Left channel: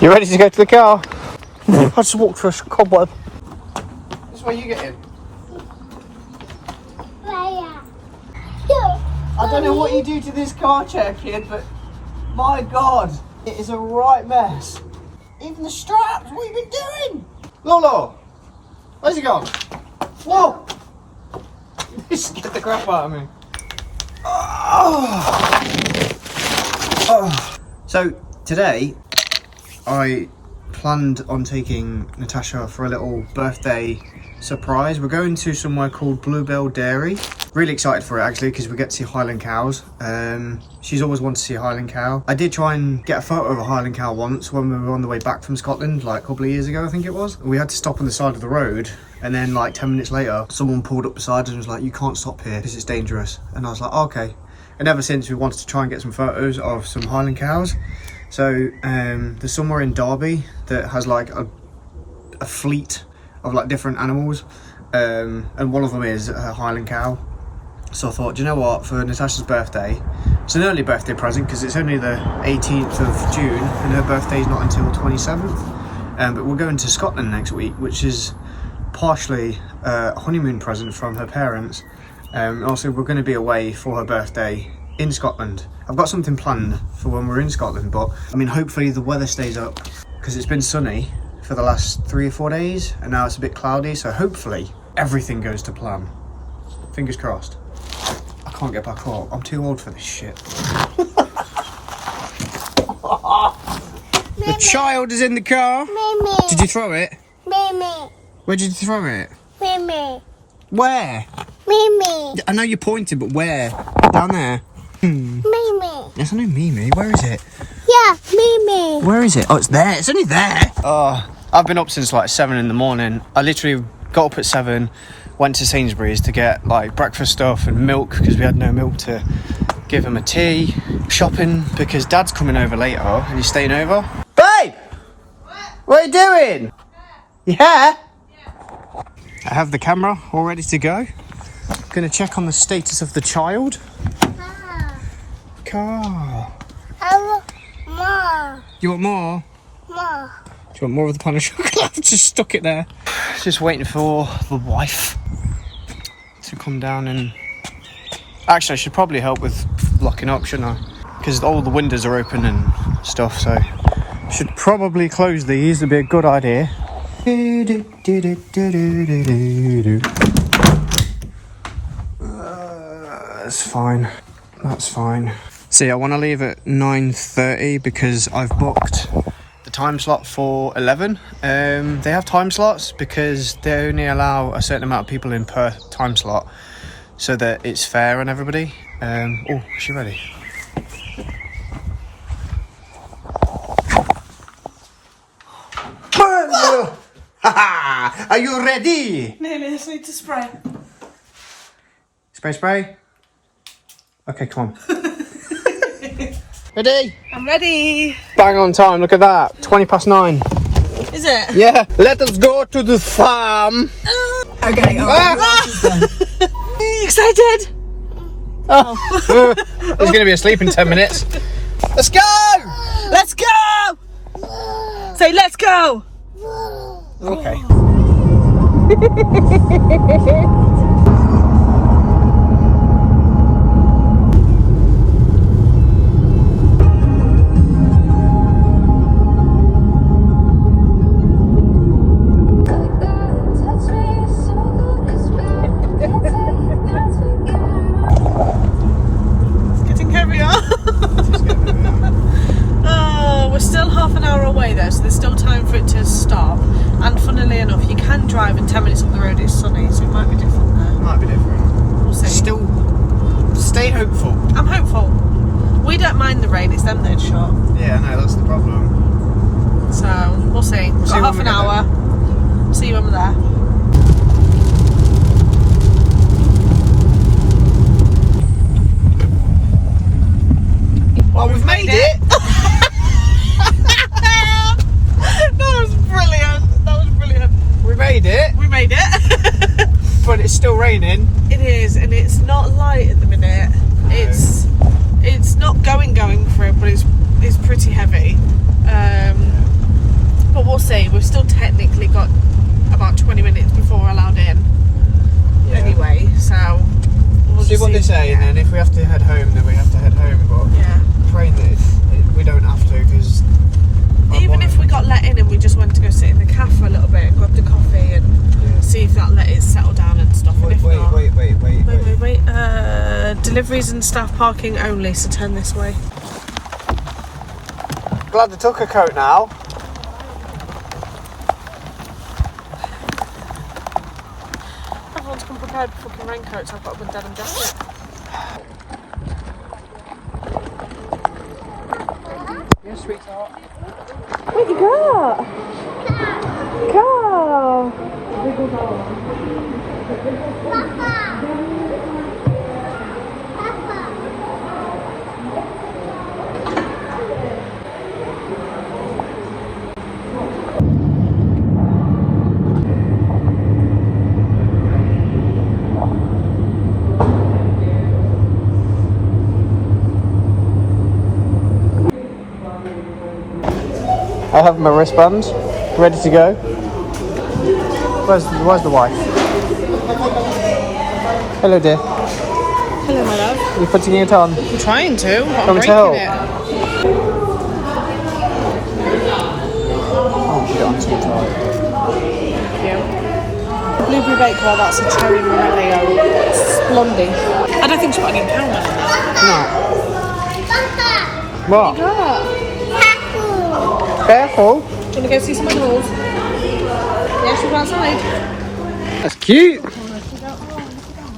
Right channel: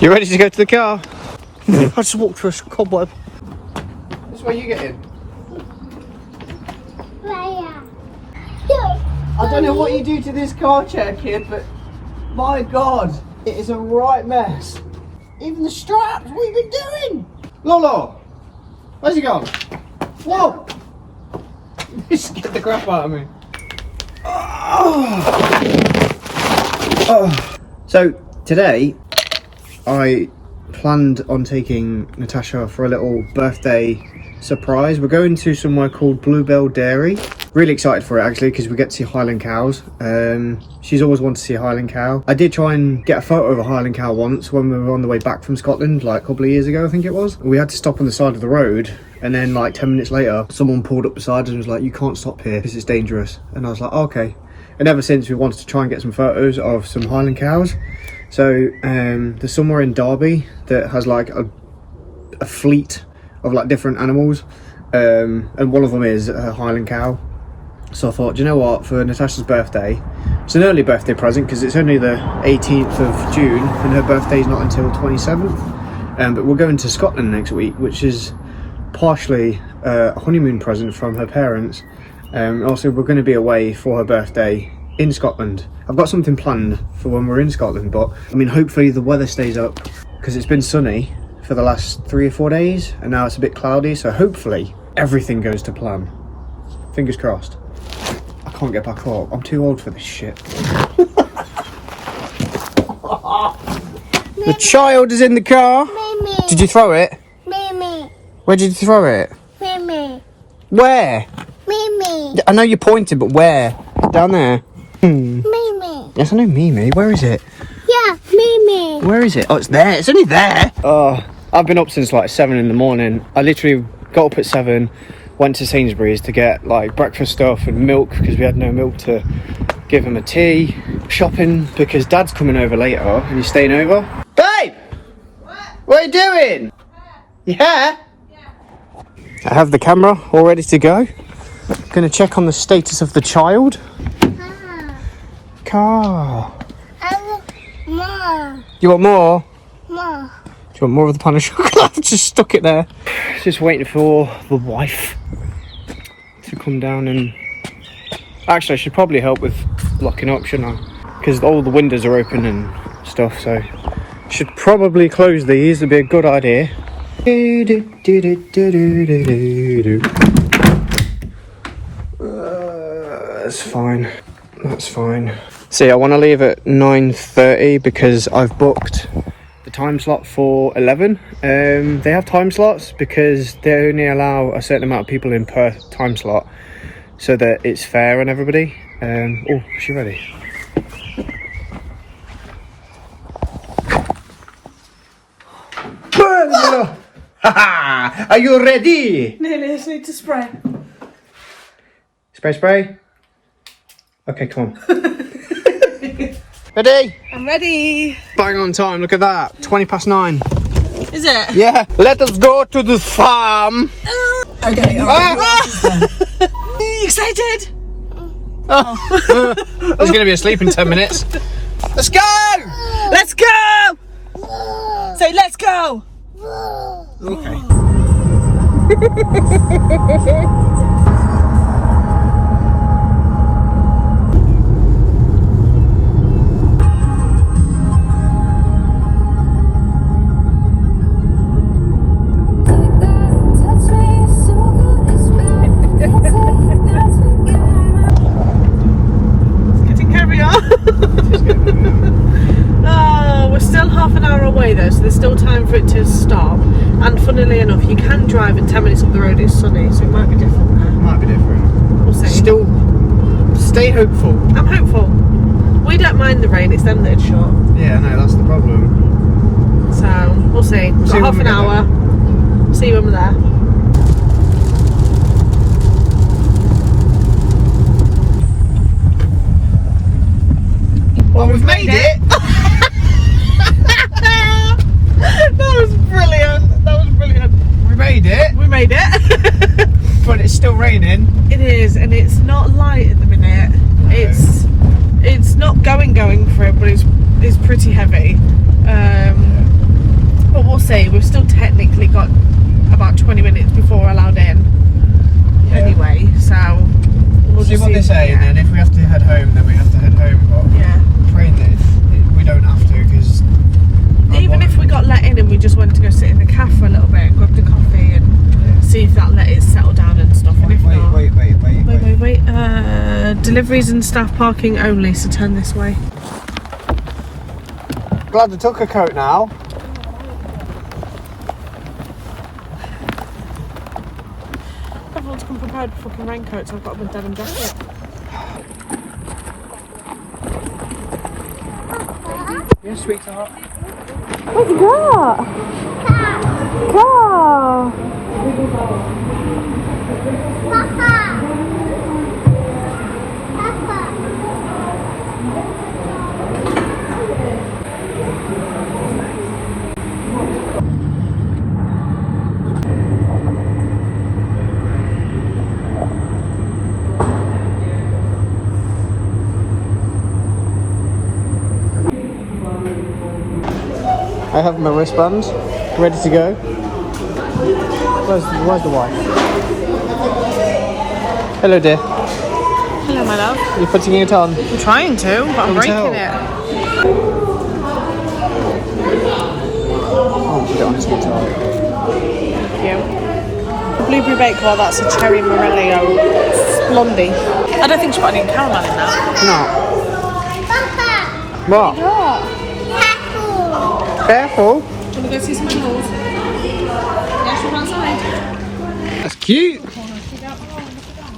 You ready to go to the car? I just walked through a cobweb. This is where you get in. I don't know what you do to this car chair, kid, but my God, it is a right mess. Even the straps, what have you been doing? Lolo, where's he gone? Whoa! This scared the crap out of me. So today, I planned on taking Natasha for a little birthday surprise. We're going to somewhere called Bluebell Dairy. Really excited for it actually because we get to see Highland cows. She's always wanted to see a Highland cow. I did try and get a photo of a Highland cow once when we were on the way back from Scotland, like a couple of years ago I think it was. We had to stop on the side of the road and then like 10 minutes later someone pulled up beside us and was like, you can't stop here because it's dangerous. And I was like, oh, okay. And ever since we wanted to try and get some photos of some Highland cows. So there's somewhere in Derby that has like a fleet of like different animals, and one of them is a Highland cow. So I thought, do you know what, for Natasha's birthday, it's an early birthday present because it's only the 18th of June and her birthday's not until 27th. But we're going to Scotland next week, which is partially a honeymoon present from her parents. Also, we're going to be away for her birthday in Scotland. I've got something planned for when we're in Scotland, but I mean hopefully the weather stays up because it's been sunny for the last 3 or 4 days and now it's a bit cloudy, so hopefully everything goes to plan. Fingers crossed. I can't get back up, I'm too old for this shit. The child is in the car. Mimi. Did you throw it? Mimi. Where did you throw it? Mimi. Where? Mimi. I know you pointed, but where? Down there? Mimi. Yes, I know Mimi. Where is it? Yeah, Mimi. Where is it? Oh, it's there. It's only there. Oh, I've been up since like 7 in the morning. I literally got up at 7, went to Sainsbury's to get like breakfast stuff and milk because we had no milk to give him a tea. Shopping because Dad's coming over later and he's staying over. Babe! What are you doing? Yeah? I have the camera all ready to go. Gonna check on the status of the child. Car. I want more. You want more? More. Do you want more of the pan of chocolate? Just stuck it there. Just waiting for the wife to come down and... Actually, I should probably help with locking up, shouldn't I? Because all the windows are open and stuff, so... Should probably close these, it'd be a good idea. That's fine. That's fine. See, I want to leave at 9:30 because I've booked the time slot for 11. They have time slots because they only allow a certain amount of people in per time slot so that it's fair on everybody. Oh, is she ready? Are you ready? Nearly, I just need to spray. Spray. Okay, come on. Ready? I'm ready. Bang on time, look at that. 9:20. Is it? Yeah, let us go to the farm. Okay, alright. Excited? Oh. He's going to be asleep in 10 minutes. Let's go! Let's go! Say, let's go! Okay. Oh, we're still half an hour away though, so there's still time for it to stop. And funnily enough, you can drive in 10 minutes up the road. It's sunny, so it might be different there. Might be different. We'll see. Still, stay hopeful. I'm hopeful. We don't mind the rain, it's them that it's short. Yeah, no, that's the problem. So, we'll see. We've got half an hour. See you when we're there. is, and it's not light at the minute. It's not going for it, but it's pretty heavy. But we'll see. We've still technically got about 20 minutes before we're allowed in. Yeah. Anyway, so we'll See what they say, and if we have to head home, then we have to head home. But yeah, train this, we don't have to, because even if we got let in and we just went to go sit in the cafe for a little bit and grab the coffee and see if that let it settle down and stuff. And if not, wait. deliveries and staff parking only. So turn this way. Glad they took a coat now. Everyone's come prepared with fucking raincoats. I've got a denim jacket. Yes, sweetheart. What you got? Car. I have my wristbands ready to go. Where's the wife? Hello, dear. Hello, my love. You're putting it on. I'm trying to. I'm Come to help. Oh, she don't too tight. Thank you. Blueberry bake while that's a cherry morello blondie. I don't think she's got any caramel in that. No. What? Careful. Do you want to go see some animals? Yeah, should we go outside? That's cute.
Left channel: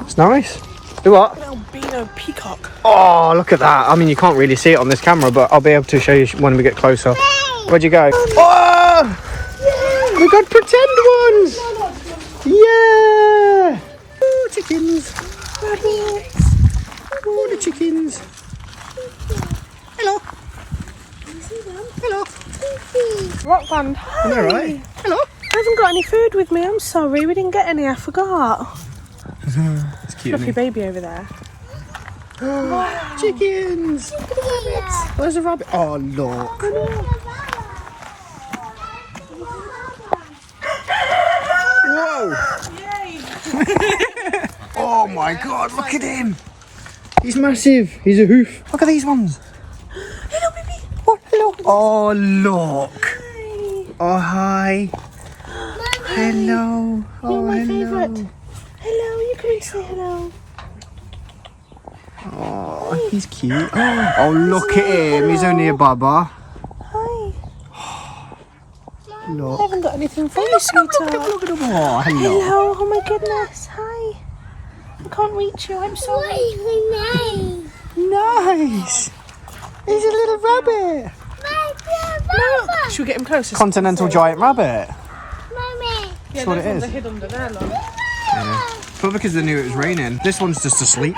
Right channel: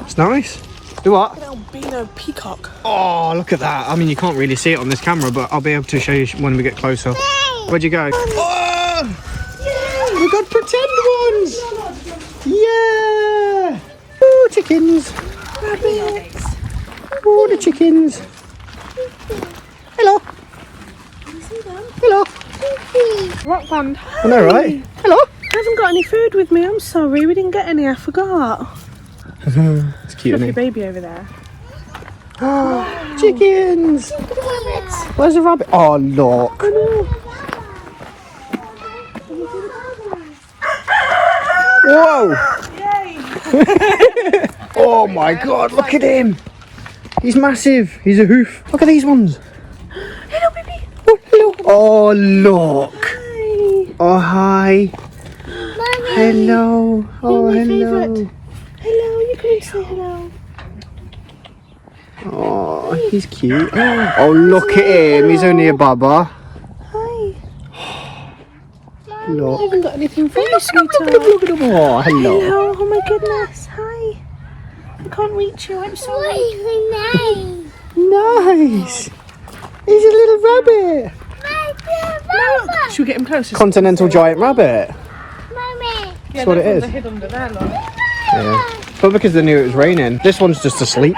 It's nice. Do what? Little beano peacock. Oh, look at that. I mean, you can't really see it on this camera, but I'll be able to show you when we get closer. Where'd you go? Oh! Yay! We got pretend ones! Yeah! Oh, chickens. Oh, the chickens. Hello. Hello. Rock band. I know, right? Hello. I haven't got any food with me. I'm sorry. We didn't get any. I forgot. It's cute, Look, isn't your it? baby over there. Oh, chickens. Where's the rabbit? Oh, look. Whoa. Oh my god, look at him. He's massive. He's a hoof. Look at these ones. Hello, baby. Oh, hello. Oh, look. Oh, hi. Hello. Oh, hello. Hello, you can say hello. Oh, he's cute. Oh, look at him. He's only a baba. Hi. I Look. haven't got anything for you, Look sweetheart. at him. Look at him. Oh, hello. Hello. Oh my goodness. Hi. I can't reach you. I'm sorry. Nice. He's a little rabbit. Should we get him closer? Continental giant rabbit. That's what it is. Hid under there, like. Yeah. But because they knew it was raining, this one's just asleep.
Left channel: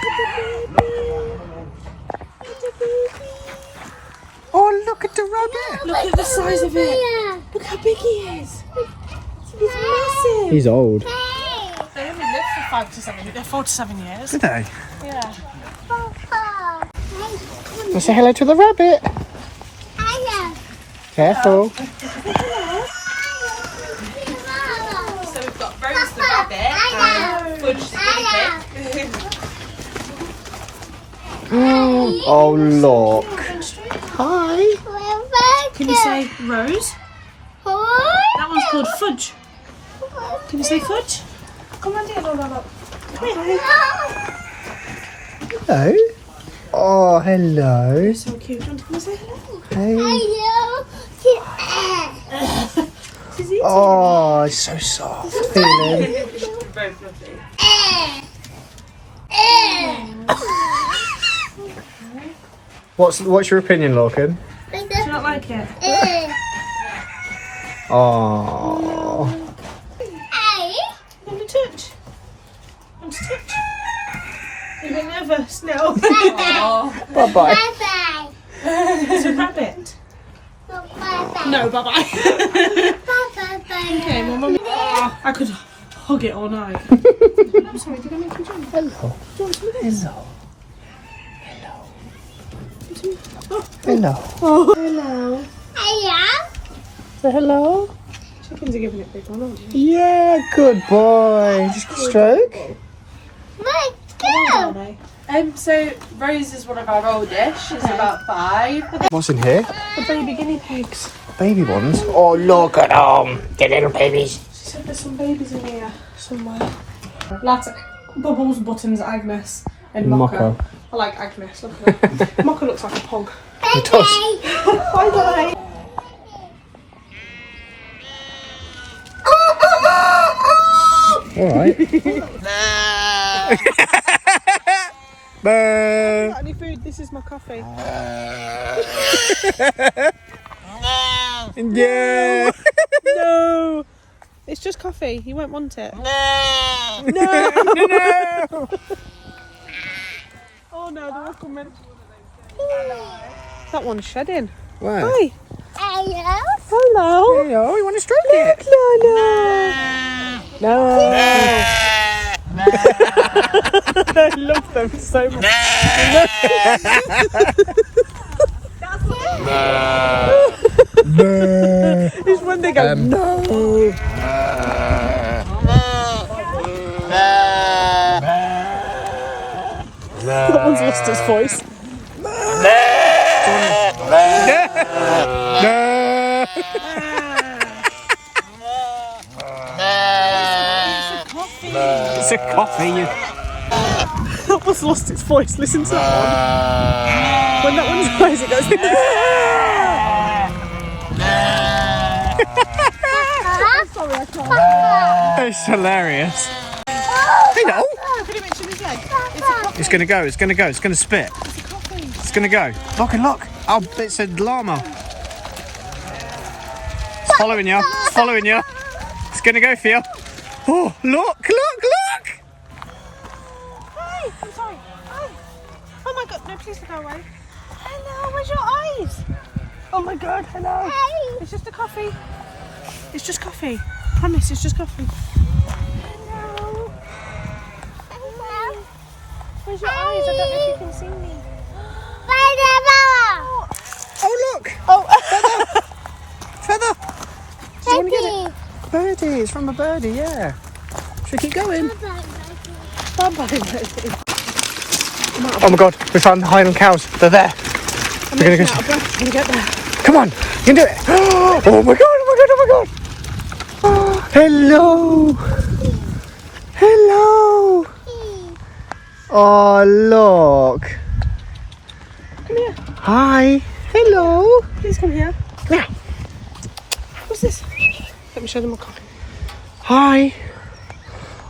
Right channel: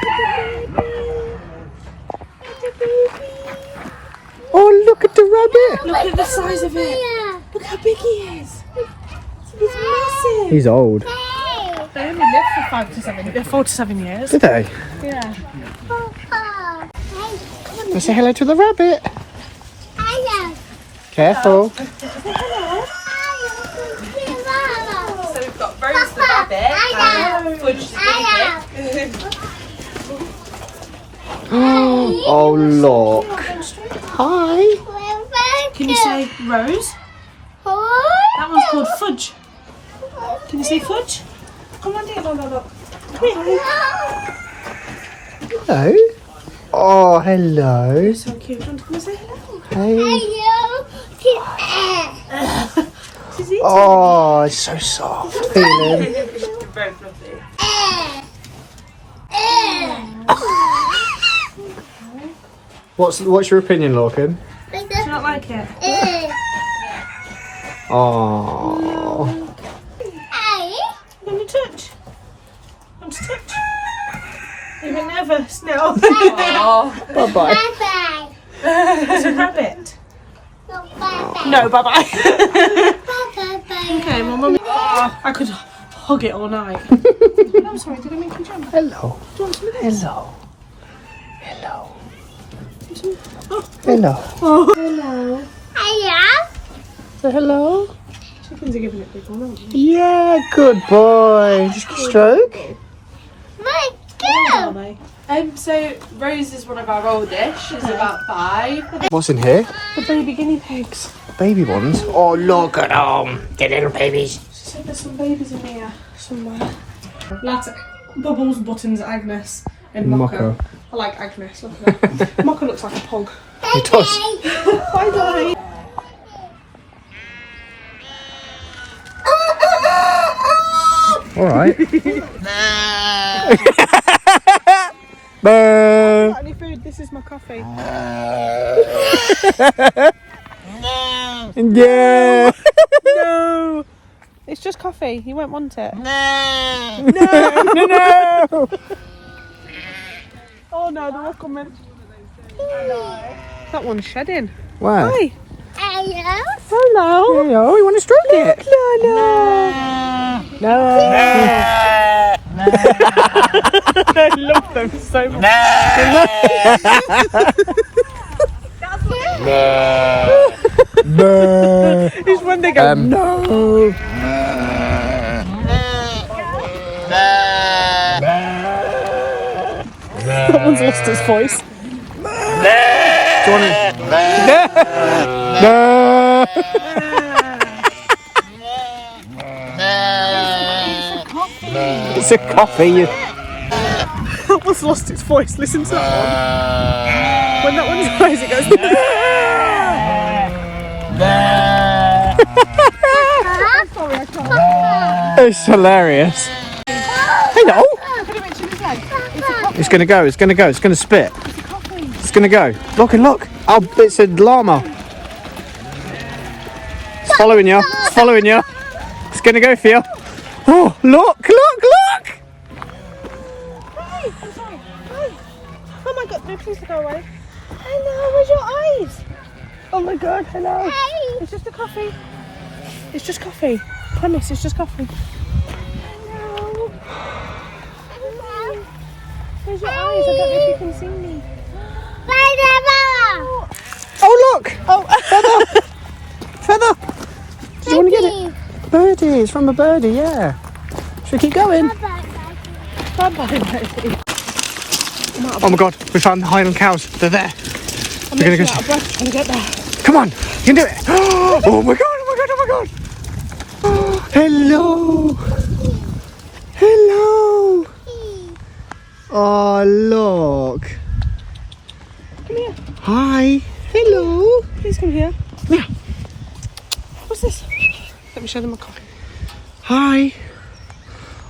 Oh, look at the rabbit. Look at the size of it. Look how big he is. He's massive. He's old. They only live for 4 to 7 years. Did they? Yeah. Let's say hello to the rabbit. Careful. So we've got Rose the rabbit and Fudge the guinea pig. Oh, look. Hi. Can you say Rose? That one's called Fudge. Can you say Fudge? Come on, dear. Come here. Hello. Oh, hello. So cute. Do you want to come and say hello? Hey. She's eating. Oh, it's so soft. Feeling. Very fluffy. What's your opinion, Lorcan? Do you not like it? Oh. Want to touch? Want to touch? You're a bit nervous now. Bye bye. It's a rabbit. No, bye bye. Okay, my mum. I could hug it all night. I'm sorry, did I make you jump? Hello. Do you want some of this? Hello. Hello. Oh. Hello. Oh. Hello. Hello. Say hello. Chickens are giving it big one, aren't they? Yeah, good boy. Just a stroke. My Are girl. they? So Rose is one of our oldish. She's about 5. What's in here? The baby guinea pigs. Baby ones. Oh, look at them. The little babies. She said there's some babies in here somewhere. Latte. Bubbles, Buttons, Agnes, and Mocco. I like Agnes. Mocco looks like a pug. It does. Bye bye. All right. Boo. Got any food? This is my coffee. Yeah. No. It's just coffee. You won't want it. No. Oh no, they're not coming. That one's shedding. Wow. Hi. Hello. Hello. Oh, you want to stroke it? No. I love them so much. It's when they go no. That one's lost his voice. Do you want it? No. It's a coffee. That one's lost its voice. Listen to that one. When that one's noisy, It's hilarious. Hello. It's gonna go. It's gonna go. It's gonna spit. It's gonna go. Look and look. Oh, it's a llama. It's following you. It's following you. It's gonna go for you. Oh, look! Look! Look! Hi. I'm sorry. Hi. Oh my god, no, please go away. Hello, where's your eyes? Oh my god, hello. Hey. It's just a coffee. It's just coffee. Promise, it's just coffee. Hello. Hello. Where's your eyes? I don't know if you can see me. Oh, look! Oh, Feather! Do you want to get it? Birdie. It's from a birdie, yeah. Should we keep going? Oh my god, we found the Highland cows. They're there. I'm We're gonna out of breath trying to get there. Come on, you can do it. Oh my god, oh my god, oh my god. Oh, hello. Hello. Oh, look. Come here. Hi. Hello. Please come here. Yeah. What's this? Let me show them my coffee. Hi.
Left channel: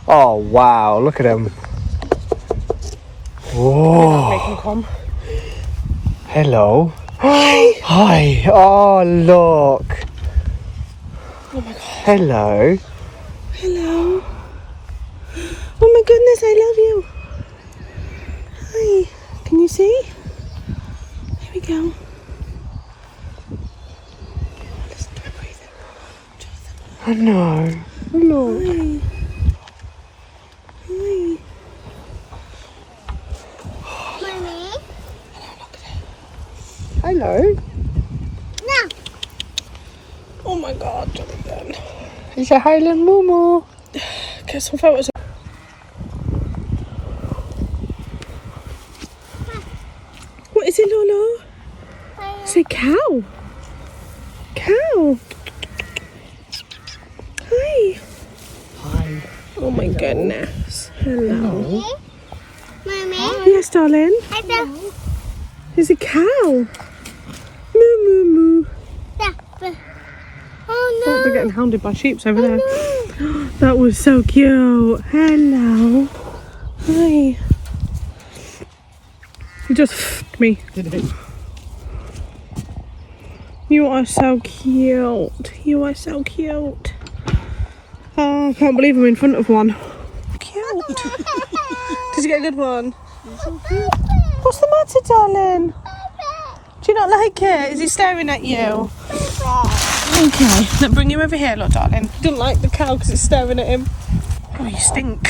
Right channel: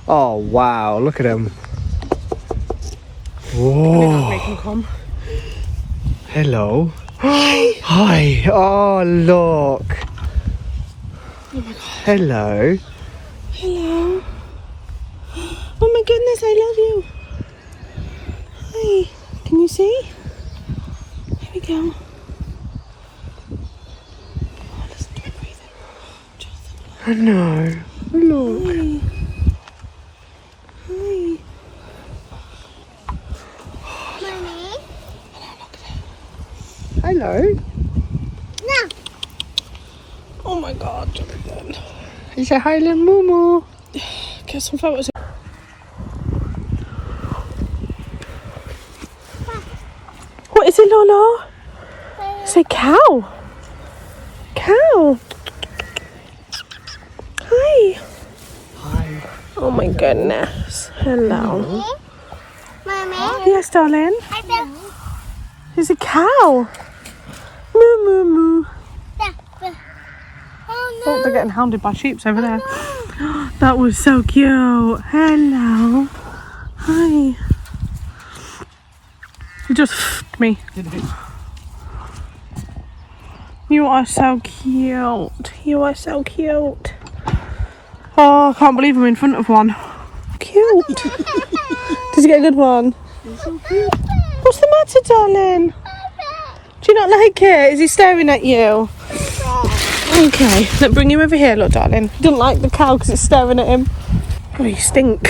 Oh, wow. Look at him. Whoa. Make them come. Hello. Hi. Oh, look. Oh my god. Hello. Hello. Oh my goodness, I love you. Hi. Can you see? Here we go. Listen to her breathing. Johnathan. I know. Look. Hi. Mommy. Hello. No. Oh my god, Johnathan. It's a Highland Moo. Get some photos. What is it, Lola? It's a cow. Cow. Hi. Oh my goodness. Hello. Mommy. Yes, darling. I don't. There's a cow. Moo moo moo. Oh Oh, they're getting hounded by sheep over there. That was so cute. Hello. Hi. You just f***ed me. You are so cute. You are so cute. Oh, I can't believe I'm in front of one. Cute. Did you get a good one? What's the matter, darling? Do you not like it? Is he staring at you? Okay, let's bring him over here, look, darling. He doesn't like the cow because it's staring at him. Oh, you stink.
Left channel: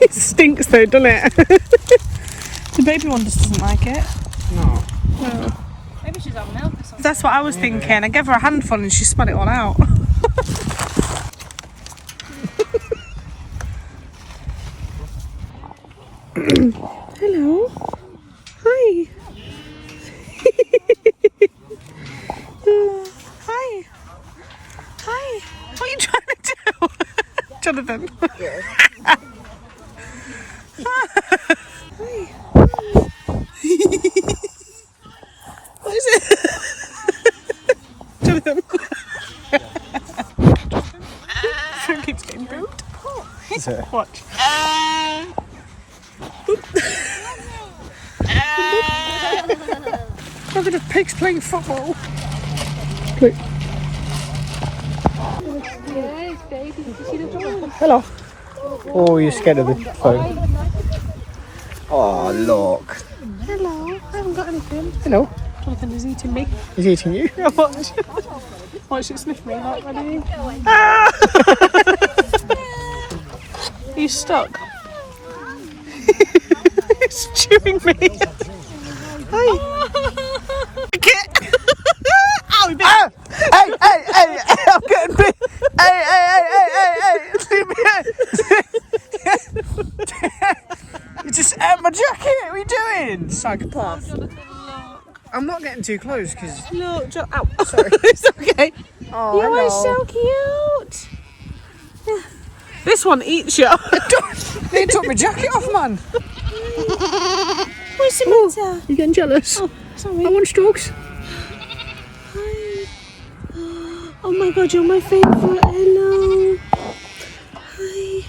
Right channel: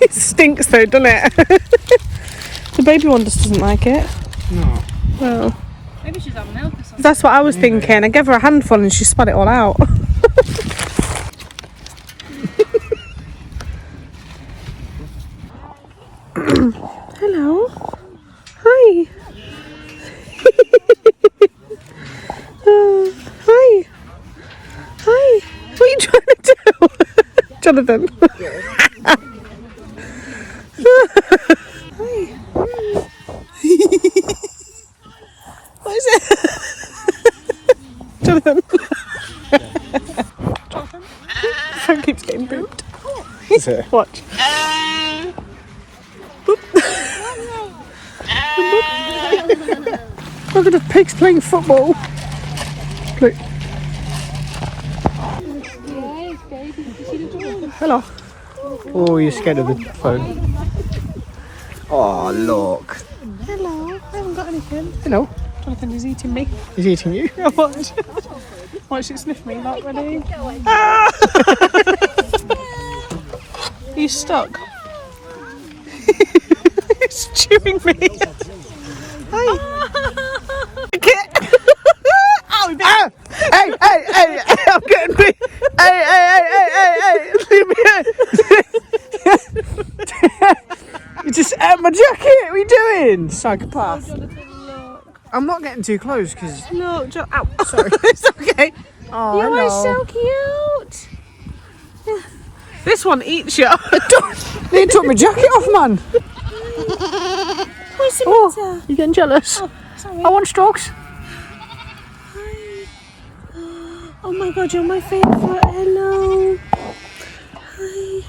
It stinks though, doesn't it? The baby one just doesn't like it. No. Maybe she's on milk or something. That's what I was thinking. I gave her a handful and she spat it all out. Hello. Hi. Hi. Hi. What are you trying to do? Johnathan. Hi. What is it? Johnathan. Phone keeps getting booped. Is it? Watch. Look at the pigs playing football. Look. Hello. Oh, you're scared of the phone. Oh, look. Hello. Jonathan is eating me. He's eating you. Watch it sniff me out, ready? He's stuck. He's chewing me. Ah! Hey, hey, hey, hey, I'm getting big. Hey, hey, hey, hey, hey, leave me alone. You just ate my jacket. What are you doing? Psychopath. Jonathan, look. I'm not getting too close because. Look, ow, sorry. It's okay. Oh, hello. You're so cute. This one eats you. They took my jacket off, man. Where's the Oh, you getting jealous? Oh, sorry. I want strokes. Hi. Oh my god, you're my favourite. Hello. Hi.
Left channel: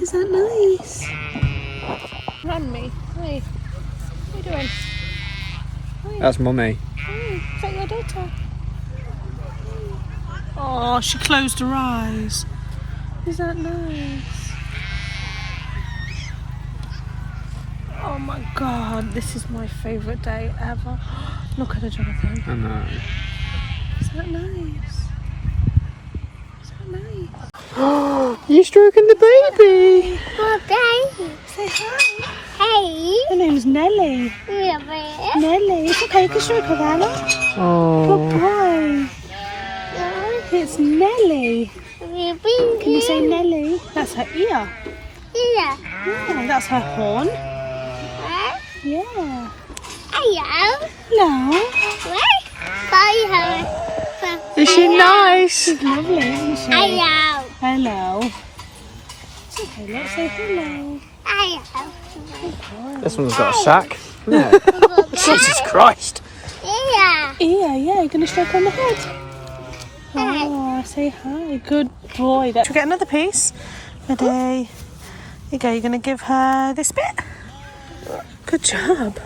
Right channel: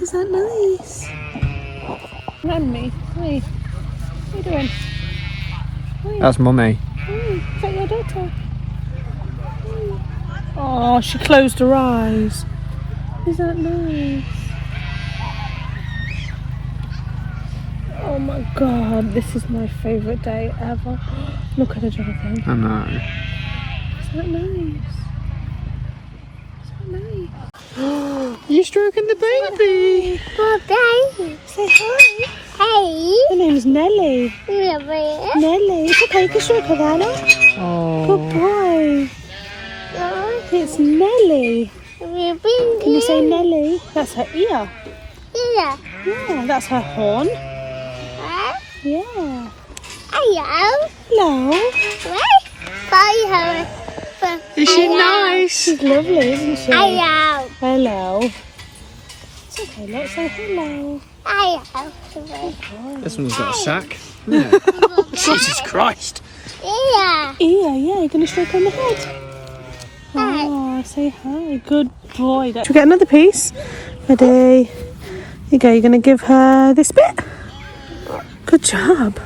Is that nice? Mummy. Hi. What are you doing? Hi. That's mummy. Hi. Is that your daughter? Hi. Oh, she closed her eyes. Is that nice? Oh my god, this is my favourite day ever. Look at her, Jonathan. I know. Is that nice? Is that nice? You stroking the baby? Okay. Say hi. Hey. Her name's Nelly. Yeah, baby. Nelly. Take a stroke of Anna. Oh. Good boy. It's Nelly. Can you say Nelly? That's her ear. Yeah. Yeah, that's her horn. Yeah. Hello. Hello. Bye. Is she nice? She's lovely, isn't she? Hello. Hello. It's okay, let's say hello. Hello. This one's got a sack. Yeah. Jesus Christ. Yeah. Yeah, you're going to stroke on the head. Oh, say hi. Good boy. Should we get another piece? Ready? Here you go. You're going to give her this bit. Good job.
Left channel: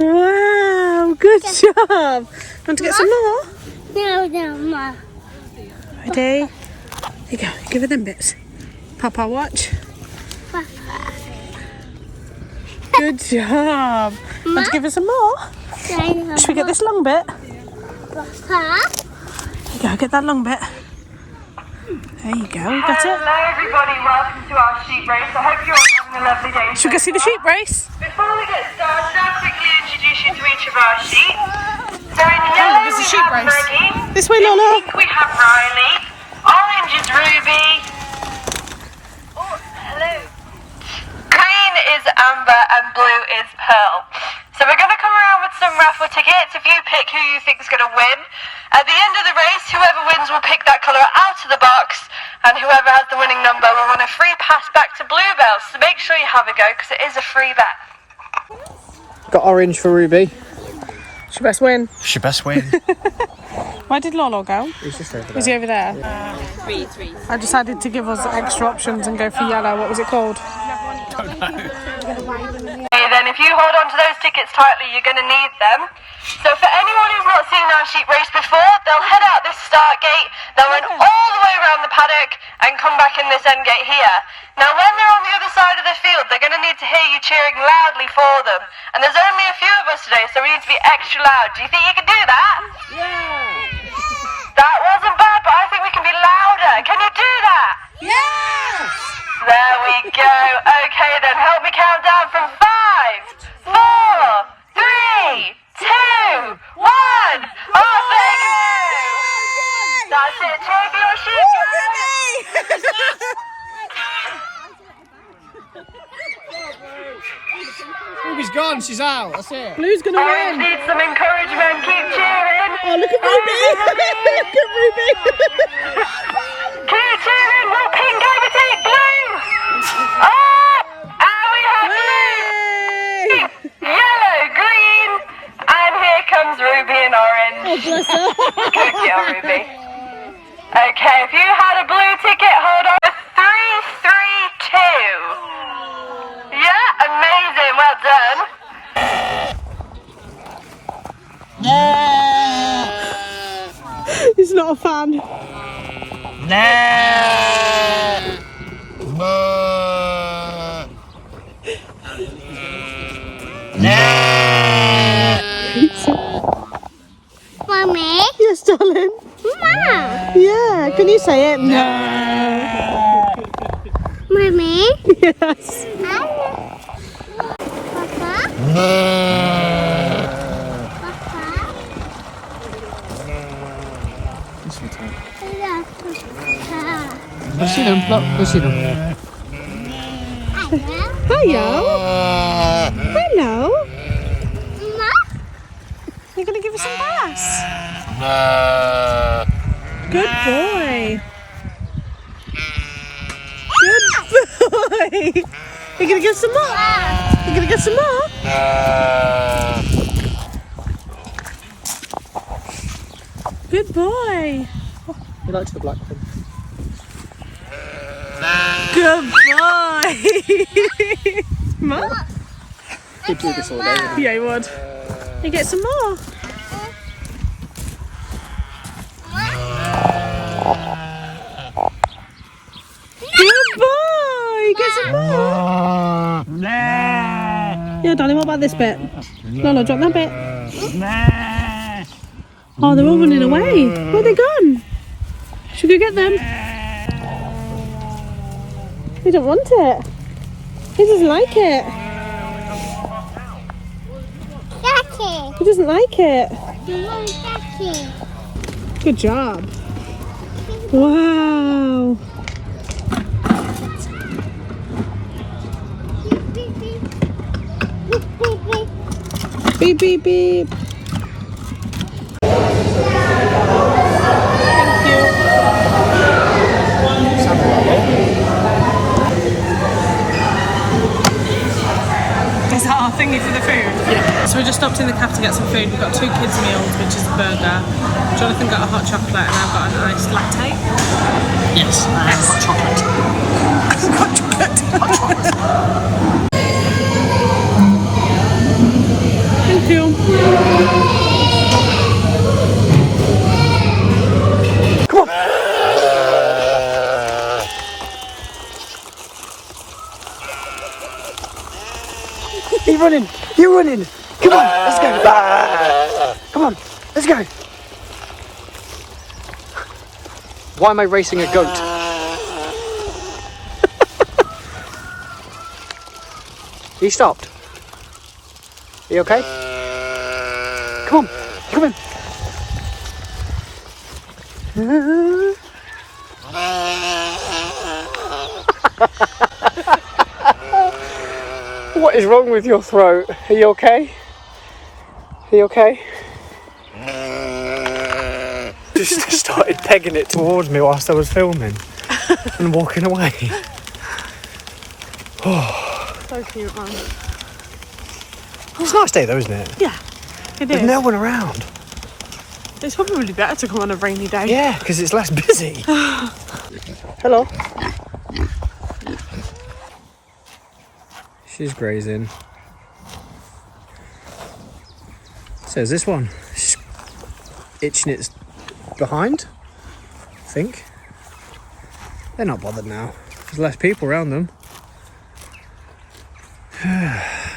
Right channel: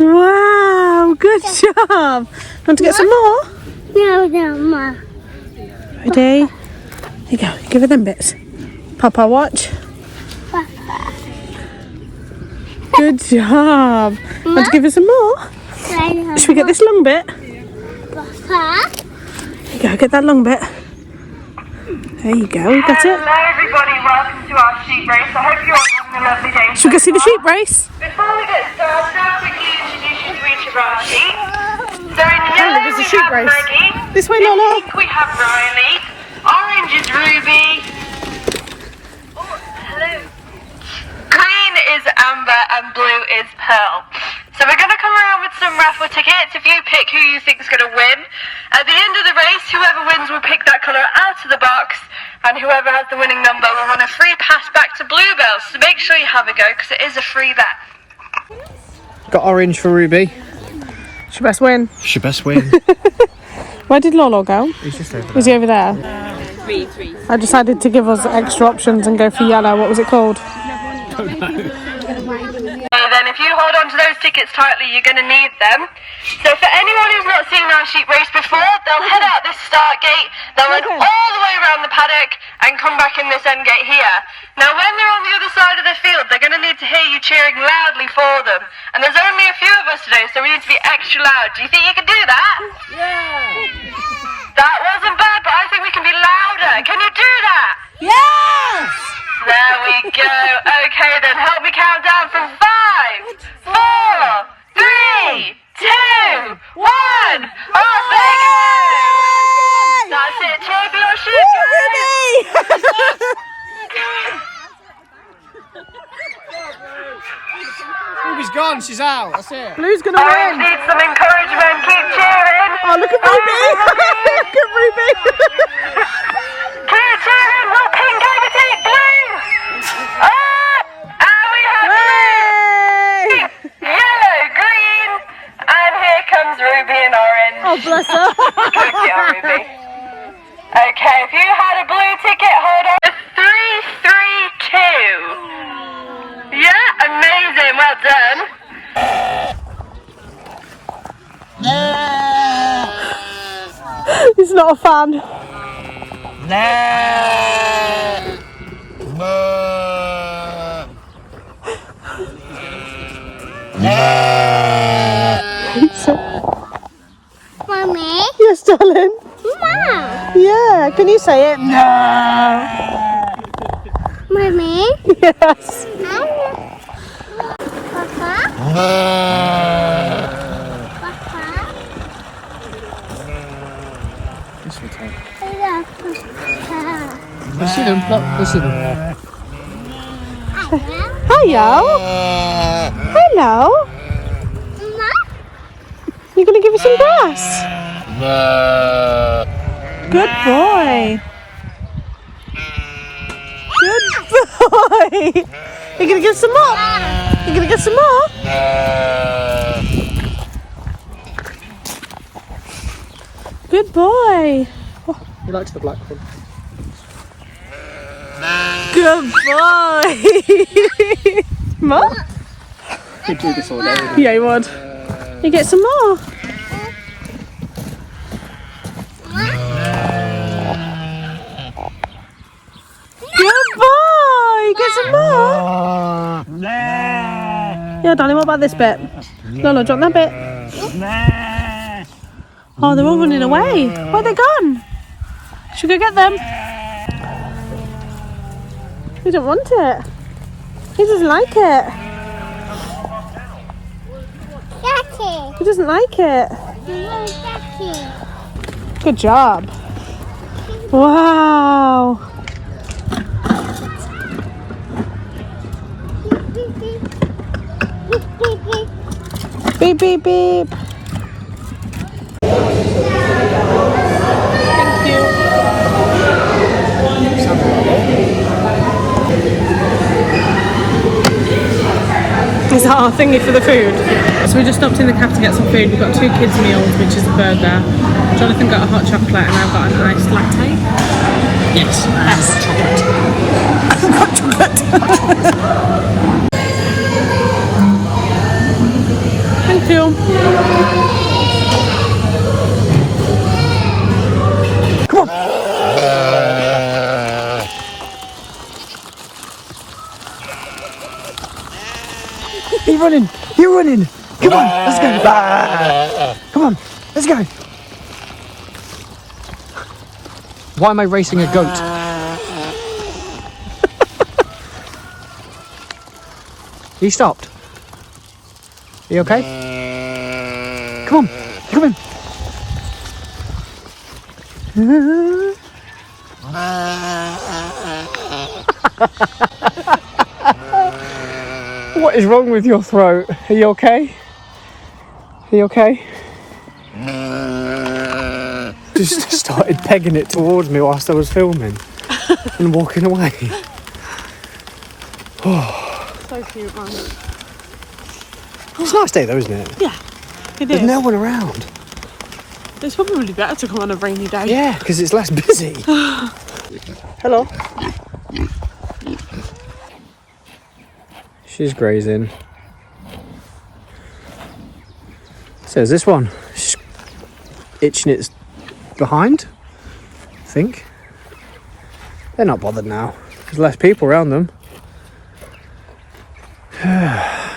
Wow, good job. Want to get some more? No, Ma. Ready? Here you go. Give her them bits. Papa, watch. Good job. Want to give her some more? Should we get this long bit? Go, get that long bit. There you go, we got it. Hello everybody, welcome to our sheep race. I hope you're having a lovely day. Should we go see the sheep race? Before we get started, I'll quickly introduce you to each of our sheep. So in yellow there's a we sheep have race. Maggie, This way, in Lola. pink we have Riley, orange is Ruby, green is Amber and blue is Pearl. So we're going to come around with some raffle tickets. If you pick who you think is going to win, at the end of the race, whoever wins will pick that colour out of the box, and whoever has the winning number will win a free pass back to Bluebell. So make sure you have a go, because it is a free bet. Got orange for Ruby. She best win. She best win. Where did Lolo go? Is he over there? I decided to give us extra options and go for yellow. What was it called? Then if you hold on to those tickets tightly, you're going to need them. So for anyone who's not seen our sheep race before, they'll head out this start gate, they'll run all the way around the paddock and and come back in this end gate here. Now when they're on the other side of the field, they're going to need to hear you cheering loudly for them. And there's only a few of us today, so we need to be extra loud. Do you think you can do that? Yeah! That wasn't bad, but I think we can be louder. Can you do that? Yes! There we go. Okay then, help me count down from 5, 4, 3, 2, 1. Off they go! That's it, try your shoes, guys. Ruby's gone, she's out, that's it. Blue's gonna Orange win. needs some encouragement, keep cheering. Oh, look at Ruby. Look at Ruby. Keep cheering, will pink overtake blue? And we have blue, yellow, green, and here comes Ruby in orange. Oh, bless her. Good girl, Ruby. Okay, if you had a blue ticket, hold on. 3, 3, 2. Yeah, amazing, well done. He's not a fan. Mommy. Yes, darling. Mom. Yeah, can you say it? No. Mommy. Yes. Papa. Papa. Yes, we can. I love Papa. Let's see them, look, let's see them. Hello. Hello. Mama. You're going to give us some grass? Good boy. Good boy. You're going to get some more? You're going to get some more? Good boy. Back to the black one. Good boy. More? You'd do this all day. Yeah, you would. You get some more. Good boy. Get some more. Yeah, darling, what about this bit? Lola, drop that bit. Oh, they're all running away. Where are they gone? Should we go get them? He don't want it. He doesn't like it. Daddy. He doesn't like it. Daddy. Good job. Wow. Beep, beep, beep. Thank you. Is that our thingy for the food? Yeah. So we just stopped in the cafe to get some food. We've got 2 kids meals, which is a burger. Jonathan got a hot chocolate and I've got a nice latte. Yes, and I've got chocolate. Hot chocolate. Thank you. You're running! Come on, let's go! Come on, let's go! Why am I racing a goat? You stop. You okay? Come on, come on. What is wrong with your throat? Are you okay? Are you okay? Just started pegging it towards me whilst I was filming and walking away. So cute, aren't it? It's a nice day though, isn't it? Yeah. Good There's day. no one around. It's probably really better to come on a rainy day. Yeah, because it's less busy. Hello. She's grazing. So is this one? She's itching its behind, I think. They're not bothered now. There's less people around them.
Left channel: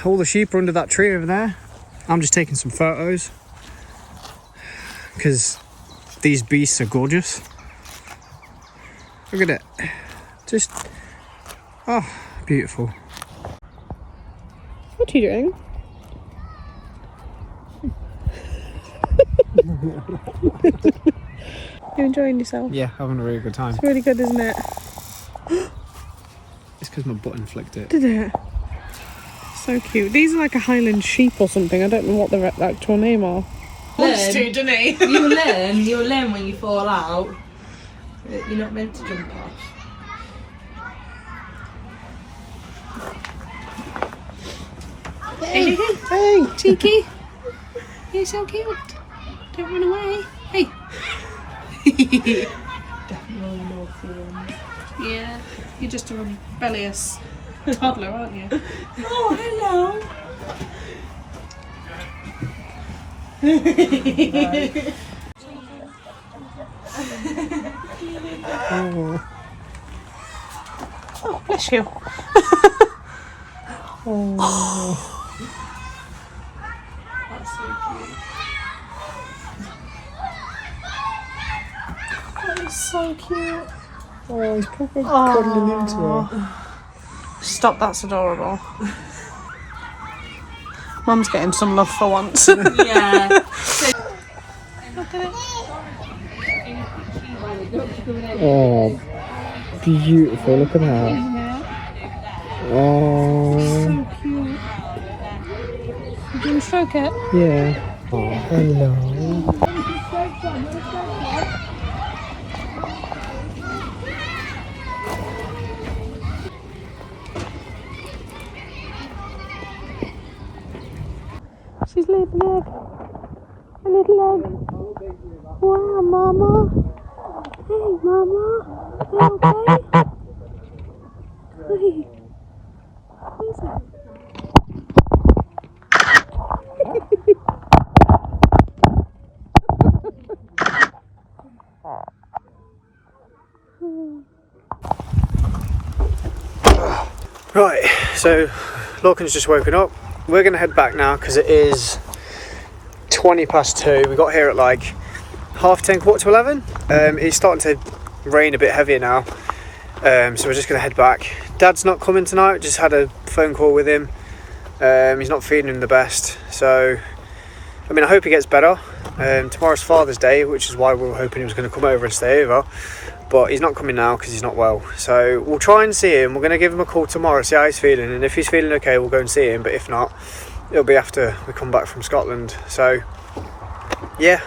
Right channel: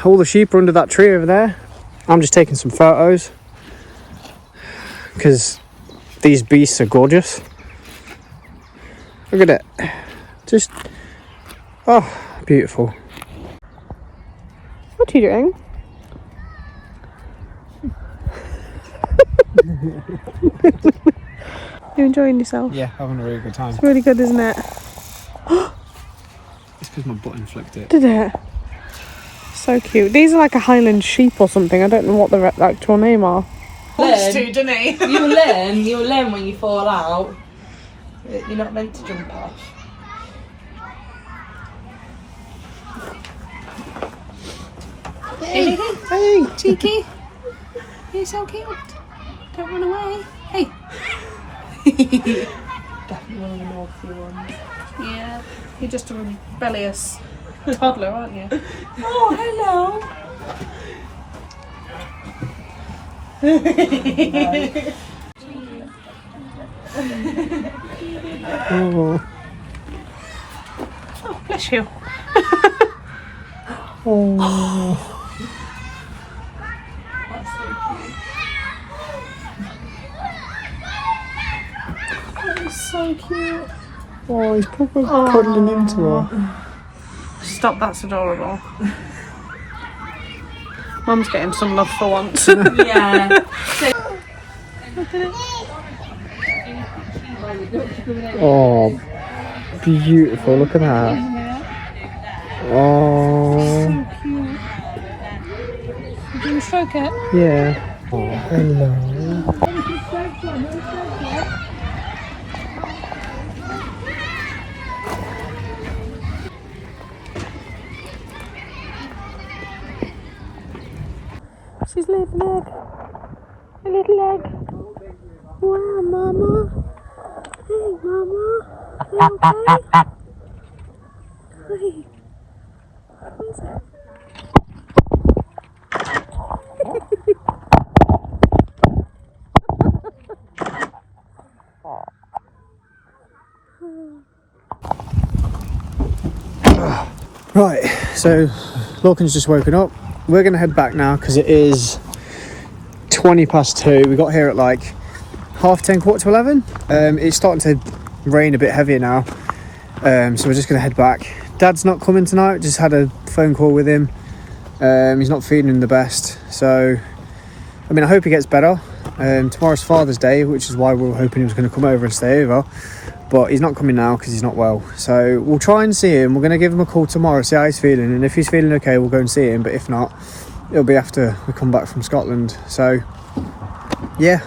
All the sheep are under that tree over there. I'm just taking some photos because these beasts are gorgeous. Look at it. Just, oh, beautiful. What are you doing? You enjoying yourself? Yeah, having a really good time. It's really good, isn't it? It's because my button flicked it. Did it? So cute. These are like a Highland sheep or something. I don't know what the actual name are. Wants to, doesn't he? You'll learn when you fall out that you're not meant to jump off. Hey, cheeky. You're so cute. Don't run away. Hey. Definitely an awful one. Yeah. You're just a rebellious toddler, aren't you? Oh, hello. Oh. Oh, bless you. Oh. So cute. Oh, he's probably cuddling into her. Stop, that's adorable. Mum's getting some love for once. Yeah. Oh, beautiful. Look at that. Oh, So cute. You can stroke it. yeah. Oh, hello. She's little leg. A little leg. Wow, Mama. Hey, Mama. You okay? Hey. What is it? Right, so Lorcan's just woken up. We're going to head back now because it is 2:20. We got here at like 10:30, 11:15. It's starting to rain a bit heavier now, so we're just going to head back. Dad's not coming tonight, just had a phone call with him. He's not feeling the best, so I mean I hope he gets better. Tomorrow's Father's Day, which is why we were hoping he was going to come over and stay over, but he's not coming now because he's not well. So we'll try and see him. We're going to give him a call tomorrow, see how he's feeling, and if he's feeling okay we'll go and see him, but if not it'll be after we come back from Scotland. So yeah,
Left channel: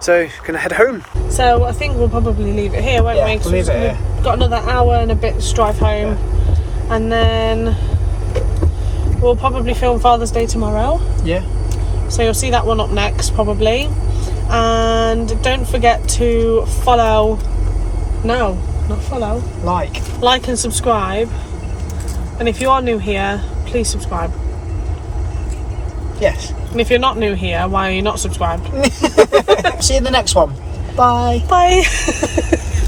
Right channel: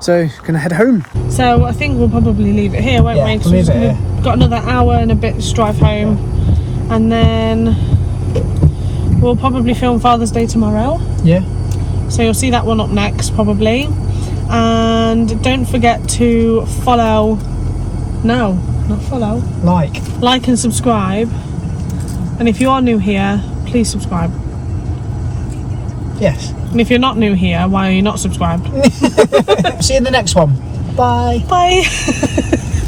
so gonna head home. So I think we'll probably leave it here, won't we? Because we've got another hour and a bit to drive home, and then we'll probably film Father's Day tomorrow. Yeah. So you'll see that one up next probably. And don't forget to follow. No, not follow. Like and subscribe. And if you are new here, please subscribe. Yes. And if you're not new here, why are you not subscribed? See you in the next one. Bye. Bye.